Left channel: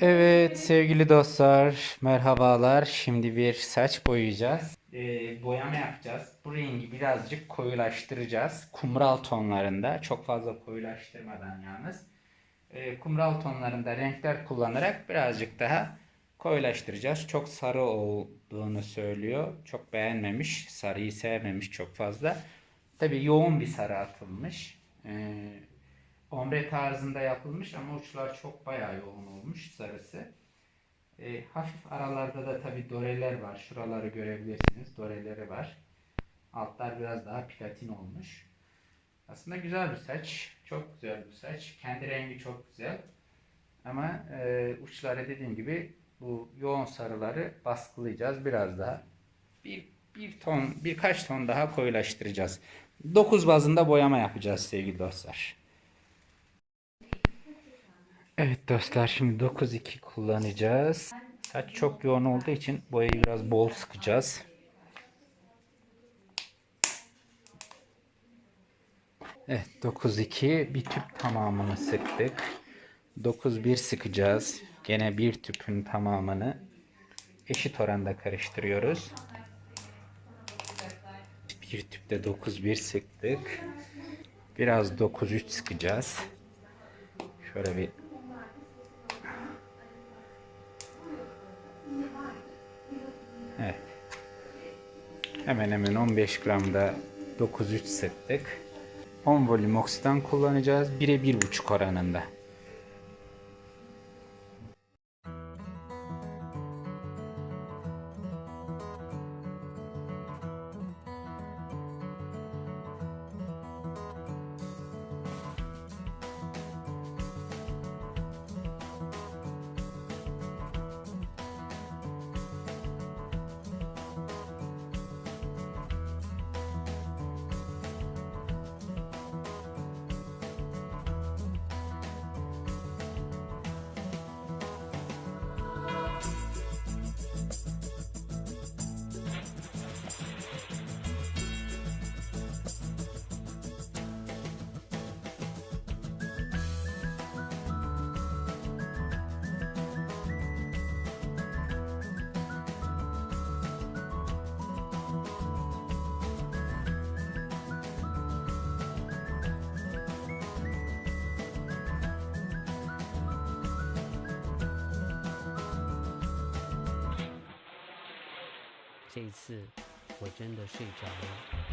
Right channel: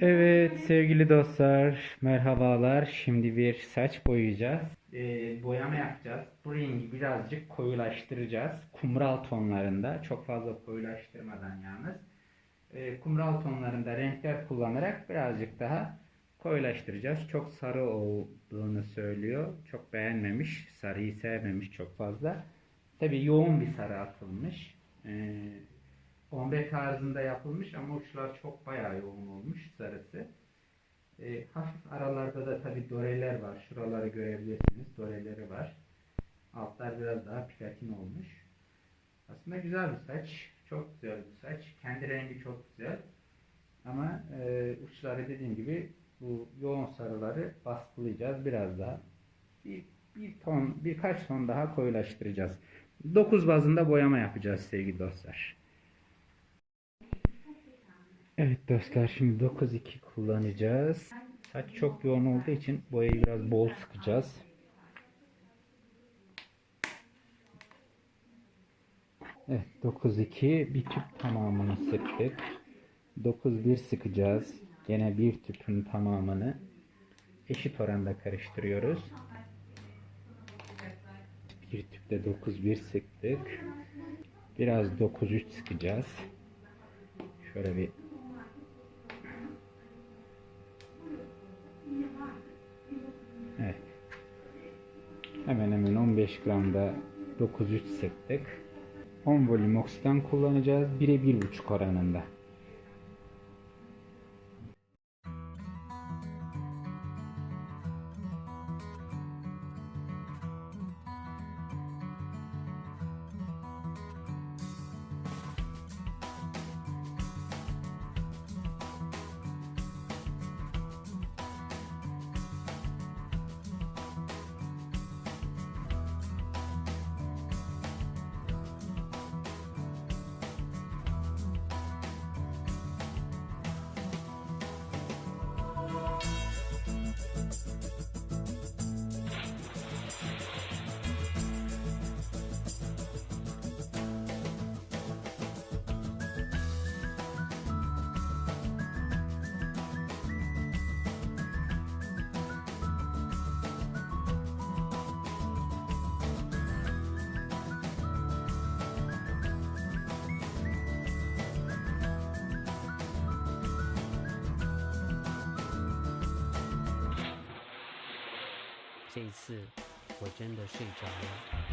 Evet sevgili dostlar, merhabalar. Şimdi bir saç boyayacağız. Ee, boyama yapacağız. Bu rengi birazcık koyulaştıracağız. Kumral tonlarında, çok fazla koyulaştırmadan yalnız. Ee, kumral tonlarında renkler kullanarak birazcık daha koyulaştıracağız. Çok sarı olduğunu söylüyor. Çok beğenmemiş, sarıyı sevmemiş çok fazla. Tabii yoğun bir sarı atılmış. Ee, ombre tarzında yapılmış ama uçlar çok bayağı yoğun olmuş sarısı. E, hafif aralarda da tabi doreler var. Şuraları görebilirsiniz. Doreleri var. Altlar biraz daha platin olmuş. Aslında güzel bir saç. Çok güzel bir saç. Kendi rengi çok güzel. Ama e, uçları dediğim gibi bu yoğun sarıları baskılayacağız biraz daha. Bir, bir ton, birkaç ton daha koyulaştıracağız. 9 bazında boyama yapacağız sevgili dostlar. Evet dostlar şimdi 9-2 kullanacağız. Saç çok yoğun olduğu için boyayı biraz bol sıkacağız. Evet 9-2 bir tüp tamamını sıktık. 9-1 sıkacağız. Gene bir tüpün tamamını eşit oranda karıştırıyoruz. Bir tüpte 9-1 sıktık. Biraz 9-3 sıkacağız. Şöyle bir Hemen hemen 15 gramda 9-3 sıktık. 10 volüm oksidan kullanacağız. 1'e 1,5 oranında. “这一次，我真的睡着了。”“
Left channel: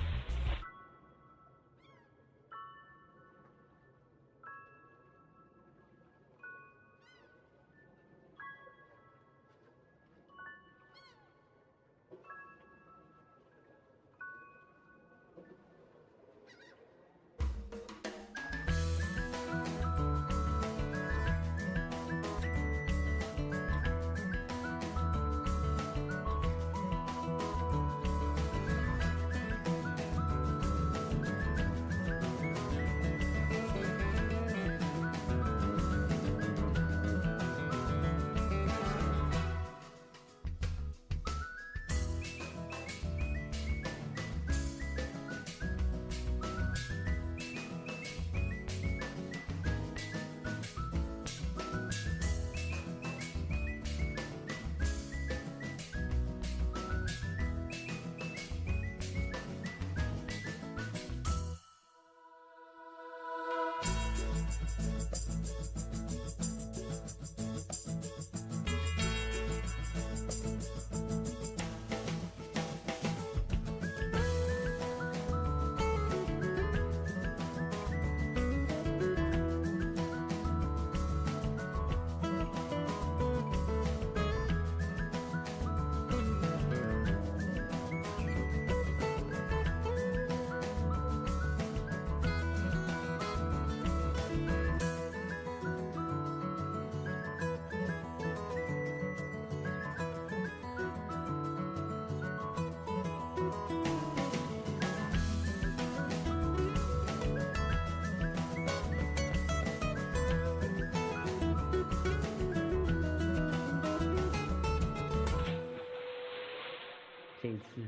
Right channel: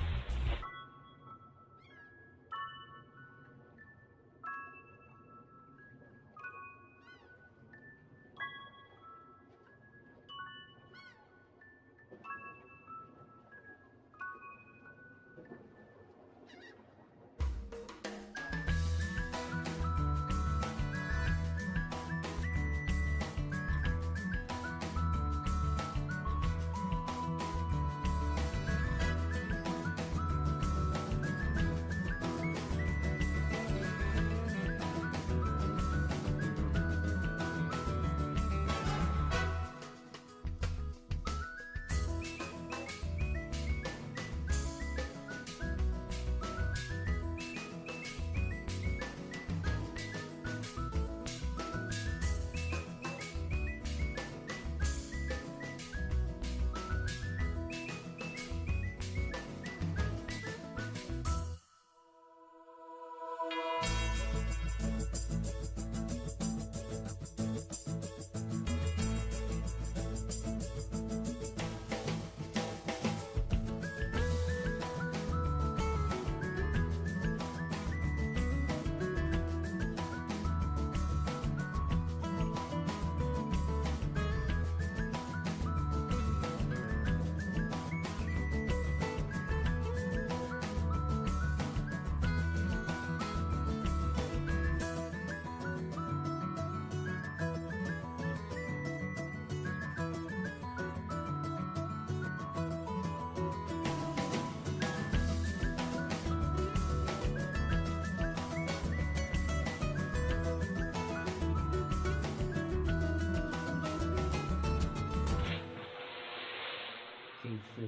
这次，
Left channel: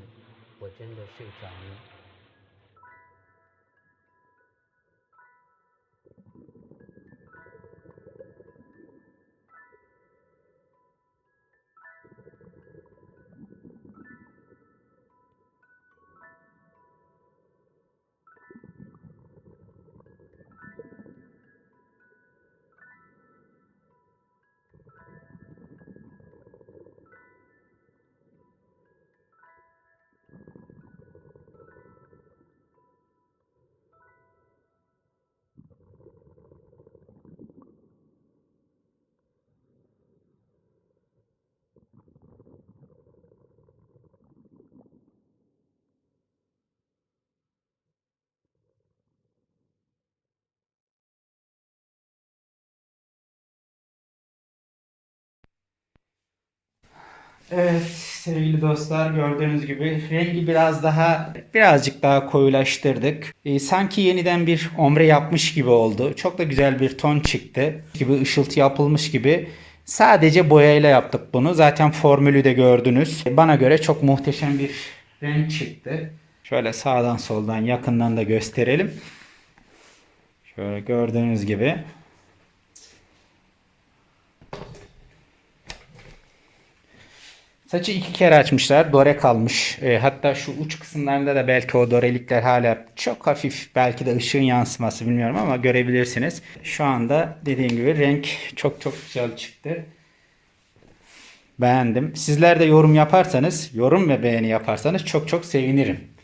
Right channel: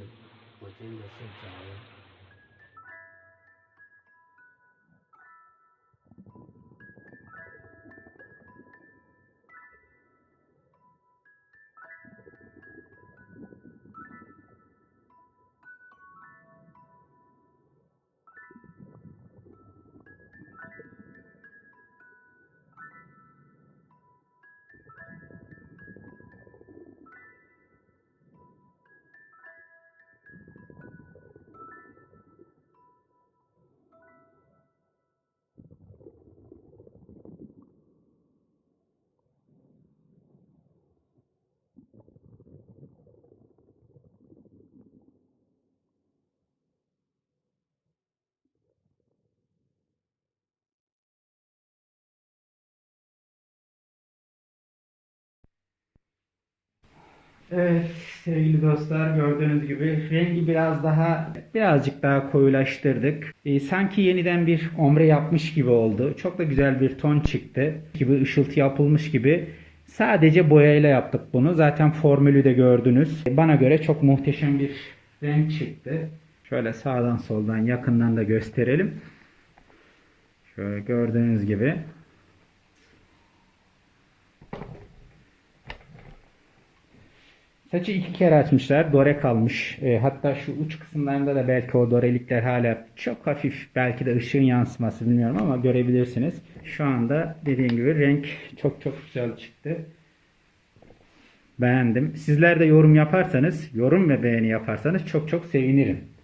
我真的睡着了。” Evet sevgili dostlar gördüğünüz gibi rengi biraz daha birazcık daha koyulaştırdık. Ee, sanki yeniden bir ombre yapmış gibi oldu. Çok da güzel bir ton çıktı. Gibi ışıltı yapılmış gibi. Sadece boyayla yaptık bunu. Zaten formülü de gördünüz. Bana göre çok muhteşem bir renk çıktı. Şöyle sağdan soldan yakından da gösterelim. Şöyle gördüğünüz gibi. Saçı iki kere açmışlar. Dore kalmış. E, hatta şu uç kısımlarında da belki o dorelikler hala çok hafif belki de ışığın yansıması bilmiyorum ama görebilirsiniz. Şu anda dediğim gibi renk çok çok güzel çıktı. Beğendim. Sizler de yorum yaparsanız, yorum ve beğeni yaparsanız çok çok sevinirim.